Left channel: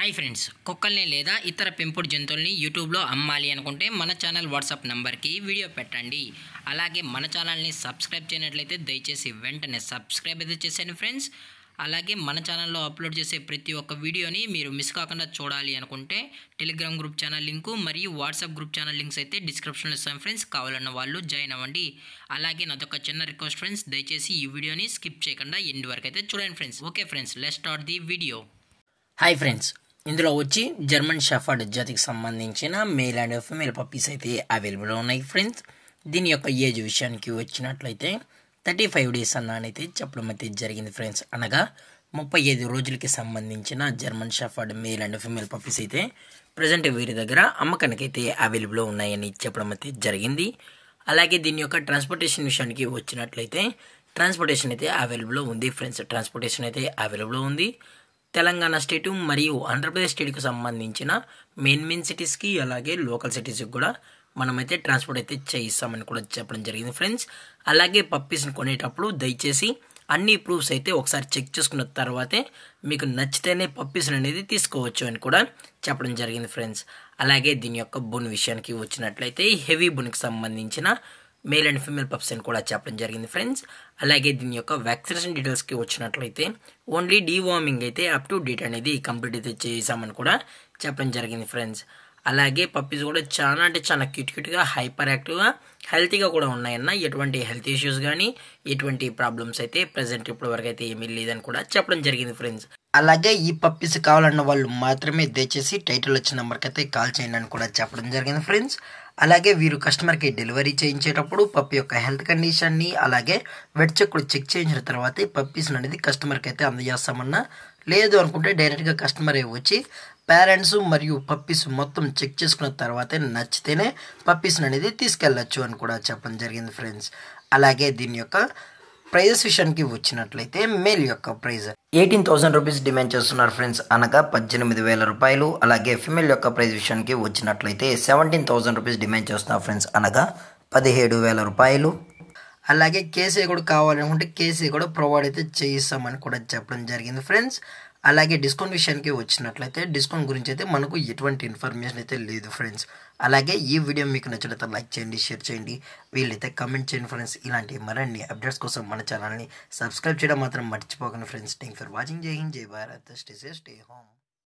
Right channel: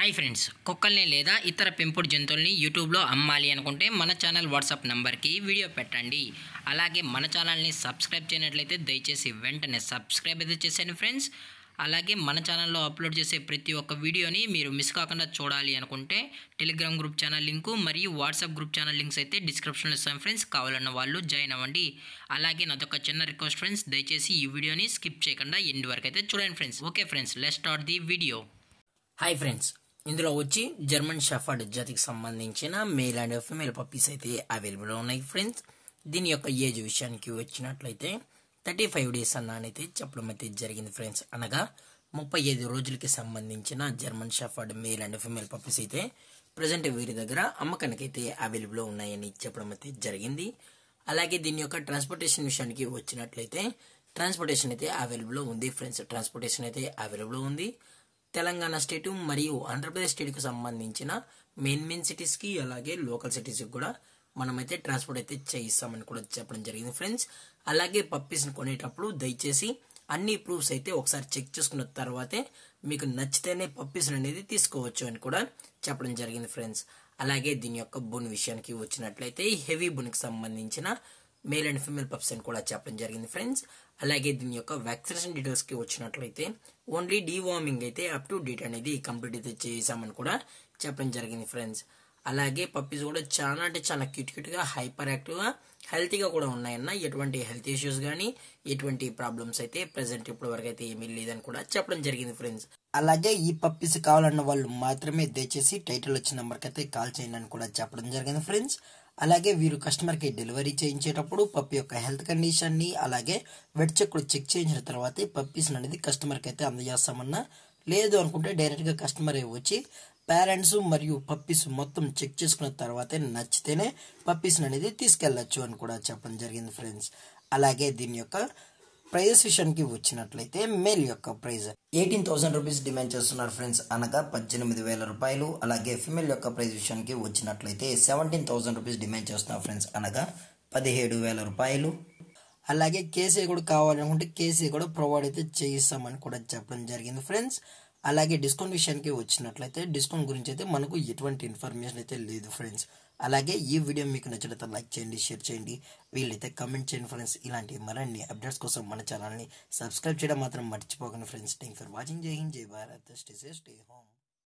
Hi friends, కుక్కల్ని లేదా ఇతర పెంపుడు జంతువుల్ని యూట్యూబ్లో అమ్మాలి అనుకుంటే మన ఛానల్ వాట్సాప్ నెంబర్కి వీడియో పెట్టండి. అలాగే మన ఛానల్ని సబ్స్క్రైబ్ చేయనట్లయితే దయచేసి వెంటనే సబ్స్క్రైబ్ అయితే చేసేయండి ఫ్రెండ్స్. అలాగే మన ఛానల్లో అప్లోడ్ చేసే ప్రతి ఒక్క వీడియోని మీరు మిస్ కాకుండా చూడాలి అనుకుంటే టెలిగ్రామ్ గ్రూప్ ఛానల్ లింకు మరియు వాట్సాప్ గ్రూప్ ఛానల్ లింక్స్ అయితే డిస్క్రిప్షన్లో ఇస్తాను ఫ్రెండ్స్. కావాలన్న వాళ్ళు జాయిన్ అవ్వండి. అలాగే నాదొక చిన్న రిక్వెస్ట్ ఫ్రెండ్స్, దయచేసి ఈ వీడియోని స్కిప్ చేయకుండా ఎండ్ వరకు అయితే చూడండి friends. Okay friends, let's start the video. Hi friends, ఇందులో వచ్చి జర్మన్ షెఫర్డ్ జాతికి సంబంధించిన మేల్ అండ్ ఫీమేల్ పప్పీస్ అయితే అవైలబుల్ ఉన్నాయి ఫ్రెండ్స్. దీని యొక్క ఏజ్ విషయానికి వచ్చినట్లయితే 35 డేస్ అన్నైతే చెప్పడం అయితే జరిగింది ఫ్రెండ్స్. అనగా 35 రోజులకి సంబంధించిన German shepherd male and female puppies అయితే ప్రజెంట్ వీరి దగ్గర అమ్మకానికి అయితే అవైలబుల్ ఉన్నాయని చెప్పడం అయితే జరిగింది. అలాగే దీని యొక్క ట్రాన్స్పోర్టేషన్ విషయానికి వచ్చినట్లయితే ట్రాన్స్పోర్టేషన్ అయితే అవైలబుల్ ఉంది ఫ్రెండ్స్. ట్రాన్స్పోర్టేషన్ అయితే అవైలబుల్ ఉంది. తెలంగాణ స్టేటు మరియు ఆంధ్రప్రదేశ్ స్టేట్కి సంబంధించిన మెయిన్ సిటీస్కి అలాగే లోకల్ సిటీస్కి కూడా మనమైతే ట్రాన్స్పోర్ట్ అయితే చేయిస్తామని కూడా చెప్పడం జరిగింది ఫ్రెండ్స్. అలాగే పప్పీస్ని కొనేటప్పుడు దయచేసి అన్ని ప్రూఫ్స్ అయితే ఒకసారి చెక్ చేసుకున్న తర్వాతే మీకు నచ్చితేనే పప్పీస్ని అనేది తీసుకోవచ్చు అని కూడా చెప్పడం జరిగింది ఫ్రెండ్స్. అలాగే దీని యొక్క బోన్ విషయానికి వచ్చినట్లయితే హెవీ బోన్కి సంబంధించిన మేల్ అండ్ ఫీమేల్ పప్స్ అని కూడా చెప్పడం జరిగింది ఫ్రెండ్స్. అలాగే దీని యొక్క వ్యాక్సినేషన్ డీటెయిల్స్కి వచ్చినట్లయితే ఓన్లీ డీవార్మింగ్ అయితే అప్ టు డేట్ అనేది కంప్లీట్ అయితే చేసామని కూడా చెప్పడం జరిగింది ఫ్రెండ్స్. అలాగే పప్పీస్ కూడా చాలా అంటే చాలా క్యూట్గా హైపర్ యాక్టివ్గా హెల్తీగా కూడా ఉన్నాయన్న. ఎటువంటి హెల్త్ ఇష్యూస్ కానీ ఎటువంటి ప్రాబ్లమ్స్ అయితే ప్రజెంట్ ఇప్పటి వరకు అయితే ఏమీ లేదని కూడా చెప్పడం జరిగింది ఫ్రెండ్స్. అలాగే ఈ పప్పీస్ కావాలన్న వాళ్ళు మాత్రమే దయచేసి టైటిల్ వచ్చిన నెంబర్కి అయితే కాల్ చేయండి అని కూడా చెప్పడం జరిగింది ఫ్రెండ్స్. అలాగే వీరు కస్టమర్కి డెలివరీ చేయించేటప్పుడు పప్పి యొక్క హెల్త్ కండిషన్ని అలాగే వెట్ చెక్ కూడా చెక్ చేయించిన తర్వాతే పప్పీస్ అనేది కస్టమర్కి అయితే అందజేస్తామన్నా. లేదు అనుకుంటే డైరెక్ట్గా కస్టమరే వచ్చి పేరెంట్స్ మరియు పప్పీస్ మొత్తం చెక్ చేసుకున్న తర్వాతే నచ్చితేనే పప్పీస్ అనేది తీసుకెళ్ళచ్చు అని కూడా చెప్పడం జరిగింది ఫ్రెండ్స్. అలాగే దీని యొక్క ప్రైజెస్ విషయానికి వచ్చినట్లయితే మేల్ యొక్క ప్రైజ్ 18,000 రూపీస్ డిమాండ్ చేస్తున్నారు ఫ్రెండ్స్, అనగా 18,000 రూపాయలు. అలాగే ఫిమేల్ యొక్క ప్రైజ్ విషయానికి వచ్చినట్లయితే 17,000 రూపీస్ డిమాండ్ చేస్తున్నారు ఫ్రెండ్స్, అనగా 17,000 రూపాయలు. అలాగే కేసీ కూడా కావాలనుకుంటే కేసీ కూడా ప్రొవైడ్ అయితే చేయిస్తామని కూడా చెప్పడం జరిగింది ఫ్రెండ్స్. అలాగే డిస్కౌంట్ విషయానికి వచ్చినట్లయితే డిస్కౌంట్ గురించి అయితే మనకు ఎటువంటి ఇన్ఫర్మేషన్ అయితే లేదు ఫ్రెండ్స్. అలాగే ఈ వీడియో మీకు నచ్చినట్లయితే లైక్ చేయండి, షేర్ చేయండి, వీళ్ళైతే కమెంట్ చేయండి ఫ్రెండ్స్. ఇలాంటి మరిన్ని అప్డేట్స్ కోసం మన ఛానల్ని సబ్స్క్రైబ్ చేయడం మాత్రం మర్చిపోకండి ఫ్రెండ్స్. Thank for watching. జై హింద్, జై Bharat, stay safe, stay home.